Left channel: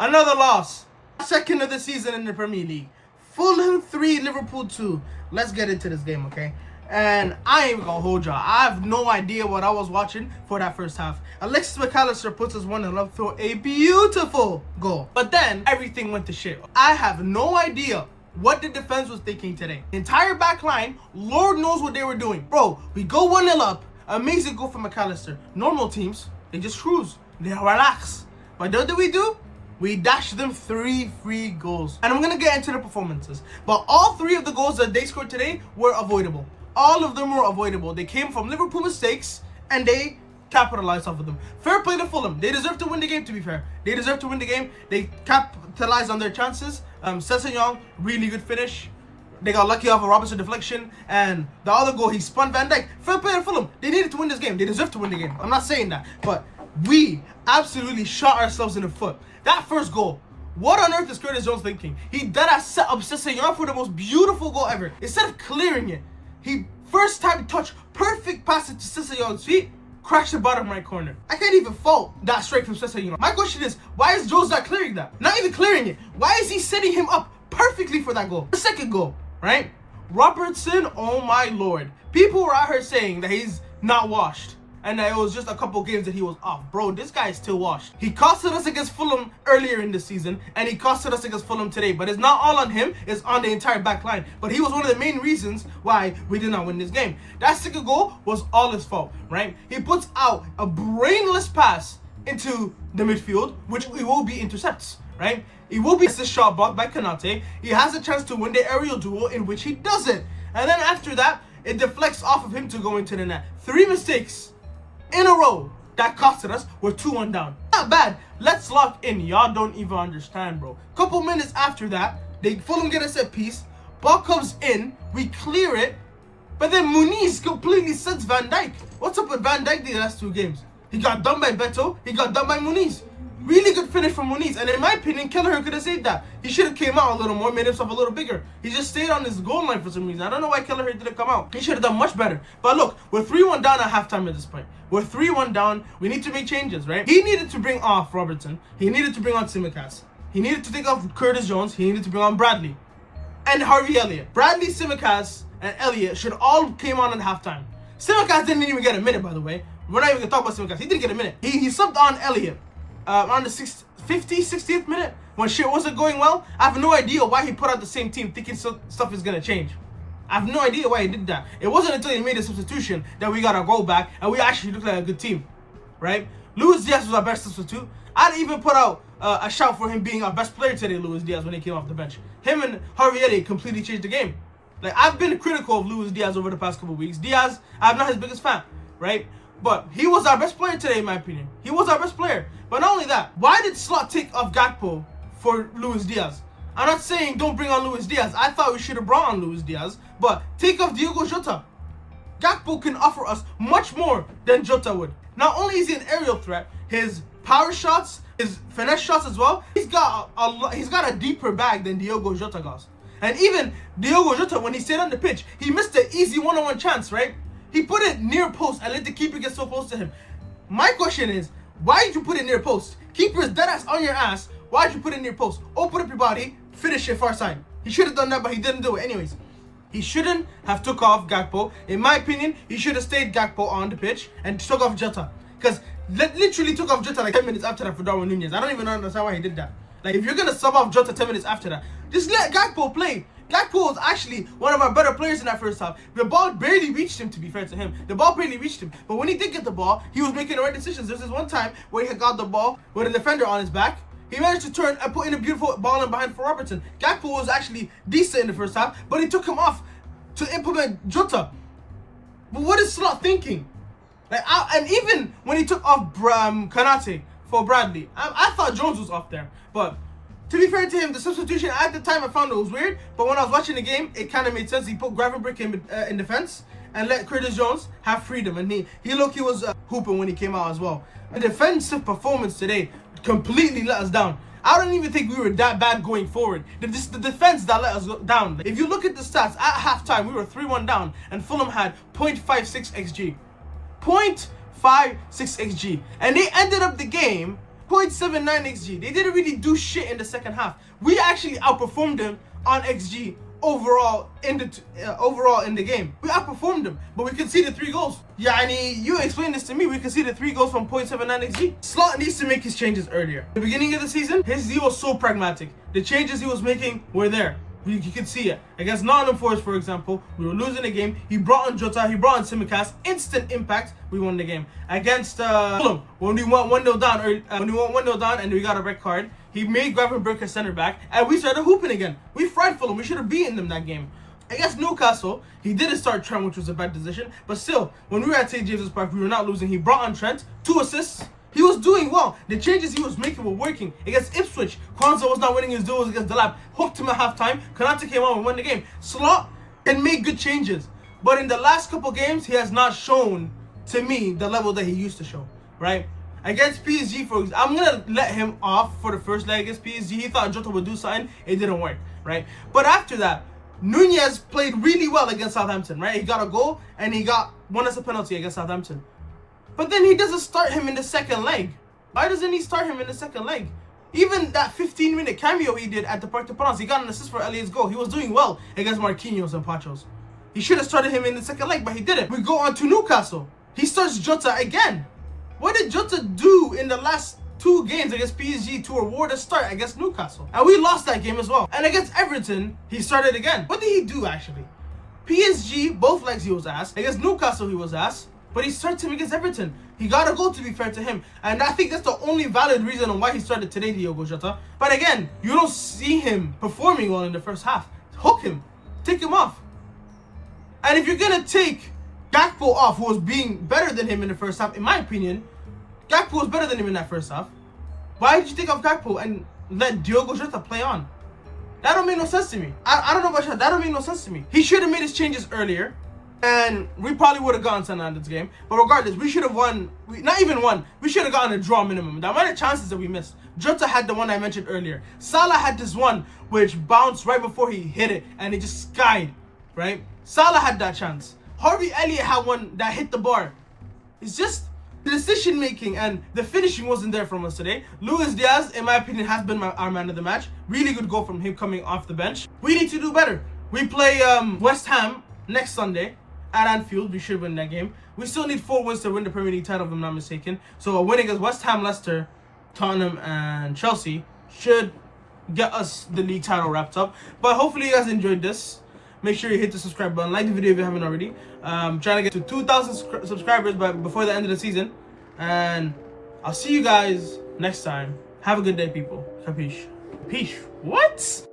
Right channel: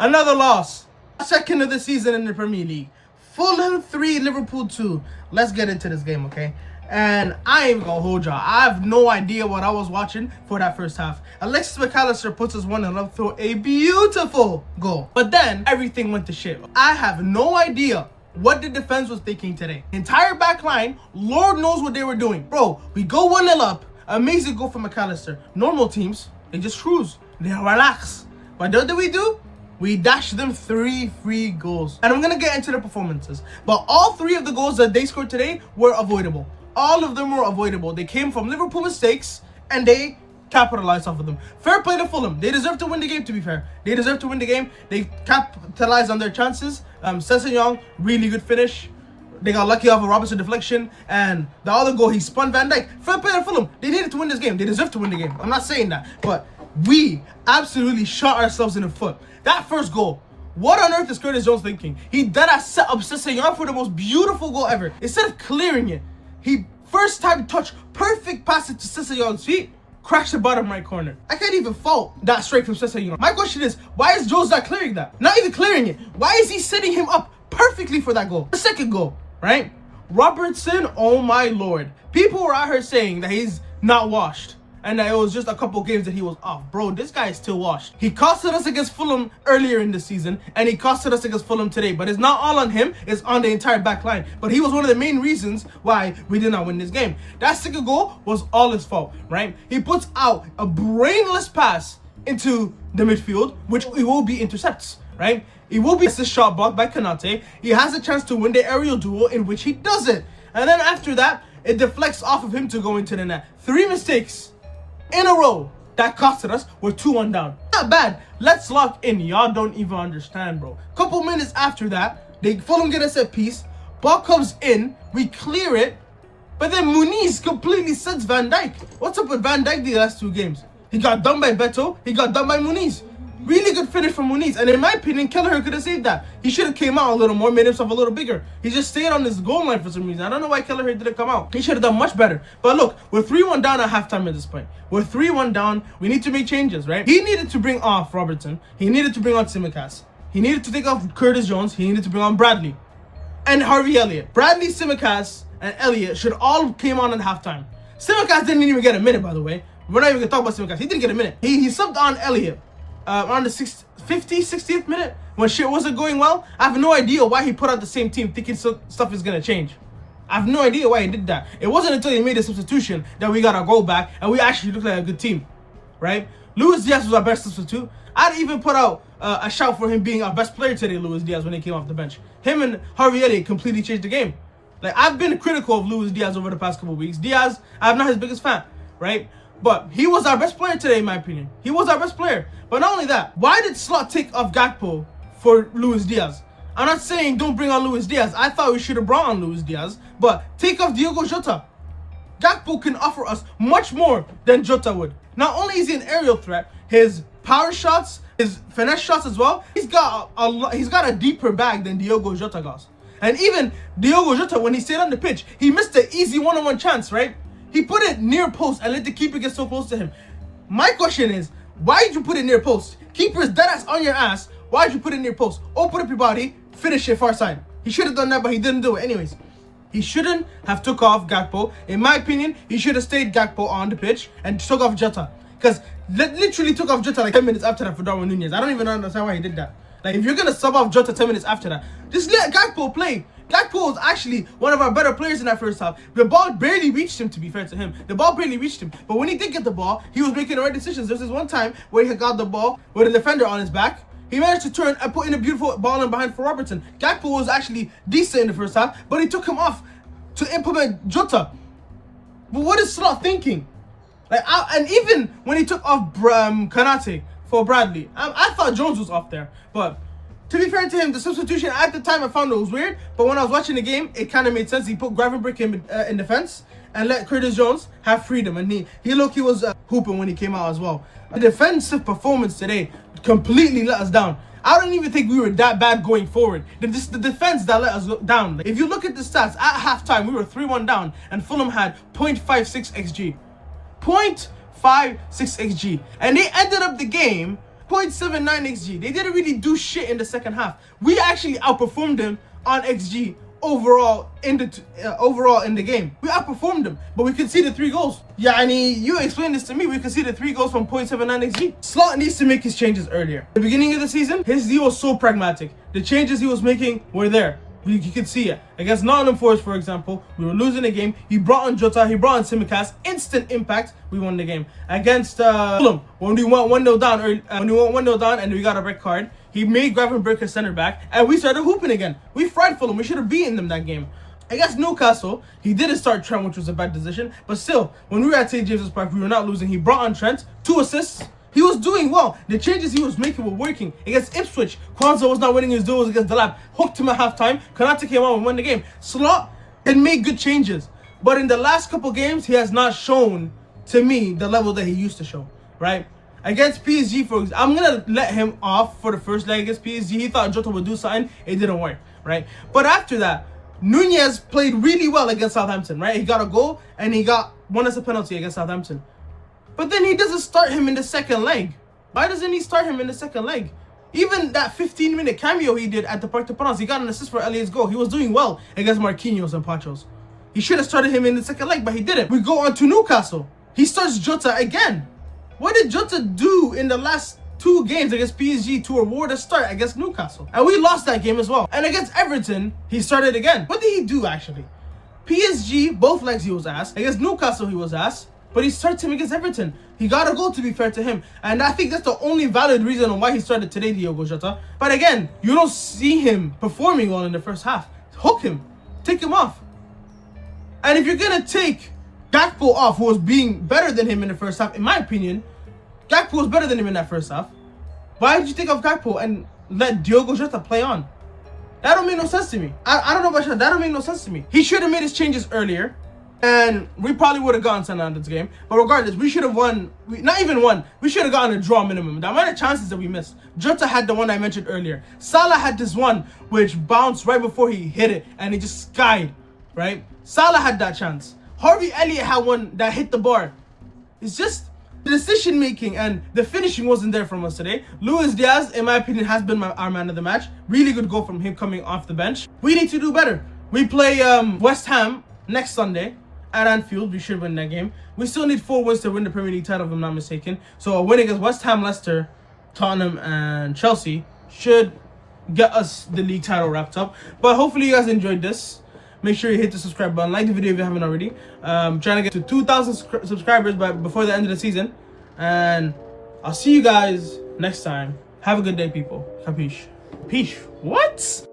Another loss. Second of the season in the Premier League. Fulham 3, Liverpool 2. Let's get into this game, okay? And I ain't even gonna hold y'all. I have no idea what I was watching for that first half. Alexis McAllister puts us 1-0 up through a beautiful goal. But then everything went to shit. I have no idea what the defense was thinking today. Entire back line, Lord knows what they were doing. Bro, we go 1-0 up. Amazing goal from McAllister. Normal teams, they just cruise. They relax. But what did we do? We dashed them 3 free goals. And I'm going to get into the performances. But all 3 of the goals that they scored today were avoidable. All of them were avoidable. They came from Liverpool mistakes and they capitalized off of them. Fair play to Fulham. They deserve to win the game, to be fair. They deserve to win the game. They capitalized on their chances. Sessegnon, really good finish. They got lucky off a Robertson deflection. And the other goal, he spun Van Dijk. Fair play to Fulham. They needed to win this game. They deserve to win the game. I'm not saying that. But we absolutely shot ourselves in the foot. That first goal, what on earth is Curtis Jones thinking? He dead-ass set up Sessegnon for the most beautiful goal ever. Instead of clearing it, he first time touch, perfect pass it to Sessegnon's feet, crashed the bottom right corner. I can't even fault that straight from Sessegnon. My question is, why is Jones not clearing that? Not even clearing it. Why is he setting him up perfectly for that goal? The second goal, right? Robertson, oh my lord. People were out here saying that he's not washed and that it was just a couple games that he was off. Bro, this guy is still washed. He costed us against Fulham earlier in the season, and he costed us against Fulham today. But it's not all on him, it's on the entire back line. But he was one of the main reasons why we did not win this game. That second goal was all his fault, right? He puts out a brainless pass into the midfield, which it will be intercepts, right? It will be a shot blocked by Konate. He has a chance to win the aerial duel, in which he doesn't. And then after that, it deflects off of him to go into the net. 3 mistakes in a row that costed us. We're 2-1 down. Not bad. Let's lock in. Y'all don't even understand, bro. Couple minutes after that, they Fulham get a set piece. Ball comes in. We clear it. But then Muniz completely sets Van Dijk. What's up with Van Dijk the last 2 games? He got done by Beto. He got done by Muniz. Really good finish from Muniz. And in my opinion, Kelleher could have saved that. He should have came out a little more, made himself a little bigger. He just stayed on his goal line for some reason. I don't know why Kelleher didn't come out. He should have done much better. But look, we're 3-1 down at halftime at this point. We're 3-1 down. We need to make changes, right? He needed to bring off Robertson. He needed to bring on Tsimikas. He needed to take off Curtis Jones. He needed to bring on Bradley. And Harvey Elliott. Bradley, Tsimikas, and Elliott should all came on at halftime. Tsimikas didn't even get a minute, by the way. We're not even going to talk about Tsimikas. He didn't get a minute. He subbed on Elliott. On the 60th minute, when shit wasn't going well. I have no idea why he put out the same team thinking stuff is going to change. I have no idea why he did that. It wasn't until he made a substitution that we got our goal back and we actually looked like a good team, right? Luis Diaz was our best substitute. I'd even put out a shout for him being our best player today, Luis Diaz, when he came off the bench. Him and Harvey Elliott completely changed the game. Like, I've been critical of Luis Diaz over the past couple of weeks. Diaz, I'm not his biggest fan, right? But he was our best player today, in my opinion. He was our best player. But not only that, why did Slot take off Gakpo for Luis Diaz? I'm not saying don't bring on Luis Diaz. I thought we should have brought on Luis Diaz. But take off Diogo Jota. Gakpo can offer us much more than Jota would. Not only is he an aerial threat, his power shots, his finesse shots as well, he's got a deeper bag than Diogo Jota does. And even Diogo Jota, when he stayed on the pitch, he missed an easy one-on-one chance, right? He put it near post and let the keeper get so close to him. My question is, why did you put it near post? Keeper's dead ass on your ass. Why did you put it near post? Open up your body, finish it far side. He should have done that, but he didn't do it. Anyways, he shouldn't have took off Gakpo. In my opinion, he should have stayed Gakpo on the pitch and took off Jota. Because literally took off Jota like 10 minutes after that for Darwin Nunez. I don't even understand why he did that. Like, if you're going to sub off Jota 10 minutes after that, just let Gakpo play. Gakpo was actually one of our better players in that first half. The ball barely reached him, to be fair to him. The ball barely reached him. But when he did get the ball, he was making the right decisions. There's this one time where he got the ball with a defender on his back. He managed to turn and put in a beautiful ball in behind for Robertson. Gakpo was actually decent in the first half, but he took him off to implement Jota. But what is Slot thinking? Like, and even when he took off Konate for Bradley, I thought Jones was off there. But to be fair to him, the substitution at the time I found it was weird, but when I was watching the game, it kind of made sense. He put Gravenberch in defense and let Curtis Jones have freedom, and he was hooping when he came out as well. The defensive performance today completely let us down. I don't even think we were that bad going forward. The defense that let us down. Like, if you look at the stats, at halftime, we were 3-1 down, and Fulham had 0.56 XG. 0.56 XG. And they ended up the game 0.79 XG. They didn't really do shit in the second half. We actually outperformed them on XG overall in the game. We outperformed them, but we conceded 3 goals. Yeah, I mean, you explained this to me. We conceded 3 goals from 0.79 XG. Slot needs to make his changes earlier. At the beginning of the season, he was so pragmatic. The changes he was making were there. You could see it. Against Nottingham Forest, for example, we were losing the game. He brought in Jota, he brought in Tsimikas. Instant impact, we won the game. Against Fulham, when we went 1-0 down, and we got a red card, he made Gravenberch a center back, and we started hooping again. We fried Fulham. We should have beaten them that game. Against Newcastle, he didn't start Trent, which was a bad decision. But still, when we were at St. James's Park, we were not losing. He brought on Trent, 2 assists. He was doing well. The changes he was making were working. Against Ipswich, Kwanzaa was not winning his duels against Delap. Hooked him at halftime. Konate came out and won the game. Slot can make good changes. But in the last couple games, he has not shown, to me, the level that he used to show. Right? Against PSG, for example, I'm going to let him off for the first leg against PSG. He thought Jota would do something. It didn't work. Right? But after that, Nunez played really well against Southampton. Right? He got a goal and he got one as a penalty against Southampton. But then he doesn't start him in the second leg. Why doesn't he start him in the second leg? Even that 15-minute cameo he did at the Parc des Princes, he got an assist for Elliot's goal. He was doing well against Marquinhos and Pachos. He should have started him in the second leg, but he didn't. We go on to Newcastle. He starts Jota again. What did Jota do in the last 2 games against PSG to reward a start against Newcastle? And we lost that game as well. And against Everton, he started again. What did he do, actually? PSG, both legs he was ass. Against Newcastle, he was ass. But he started him against Everton. He got a goal, to be fair to him. And I think that's the only valid reason on why he started today, Diogo Jota. But again, you don't see him performing well in the first half. Hook him. Take him off. And if you're going to take Gakpo off, who was being better than him in the first half, in my opinion, Gakpo was better than him in that first half. Why did you take off Gakpo and let Diogo Jota play on? That don't make no sense to me. I don't know about you. That don't make no sense to me. He should have made his changes earlier. And we probably would have gotten St. Andrews game. But regardless, we should have won. Not even won. We should have gotten a draw minimum. The amount of chances that we missed. Jota had the one I mentioned earlier. Salah had this one which bounced right before he hit it. And it just skied. Right? Salah had that chance. Harvey Elliott had one that hit the bar. It's just the decision making and the finishing wasn't there from us today. Luis Diaz, in my opinion, has been our man of the match. Really good goal from him coming off the bench. We need to do better. We play West Ham next Sunday at Anfield. We should win that game. We still need 4 wins to win the Premier League title, if I'm not mistaken. So a win against West Ham, Leicester, Tottenham, and Chelsea should get us the league title wrapped up. But hopefully you guys enjoyed this. Make sure you hit the subscribe button. Like the video if you haven't already. Trying to get to 2,000 subscribers before the end of the season. And I'll see you guys next time. Have a good day, people. Capiche? Capiche? What?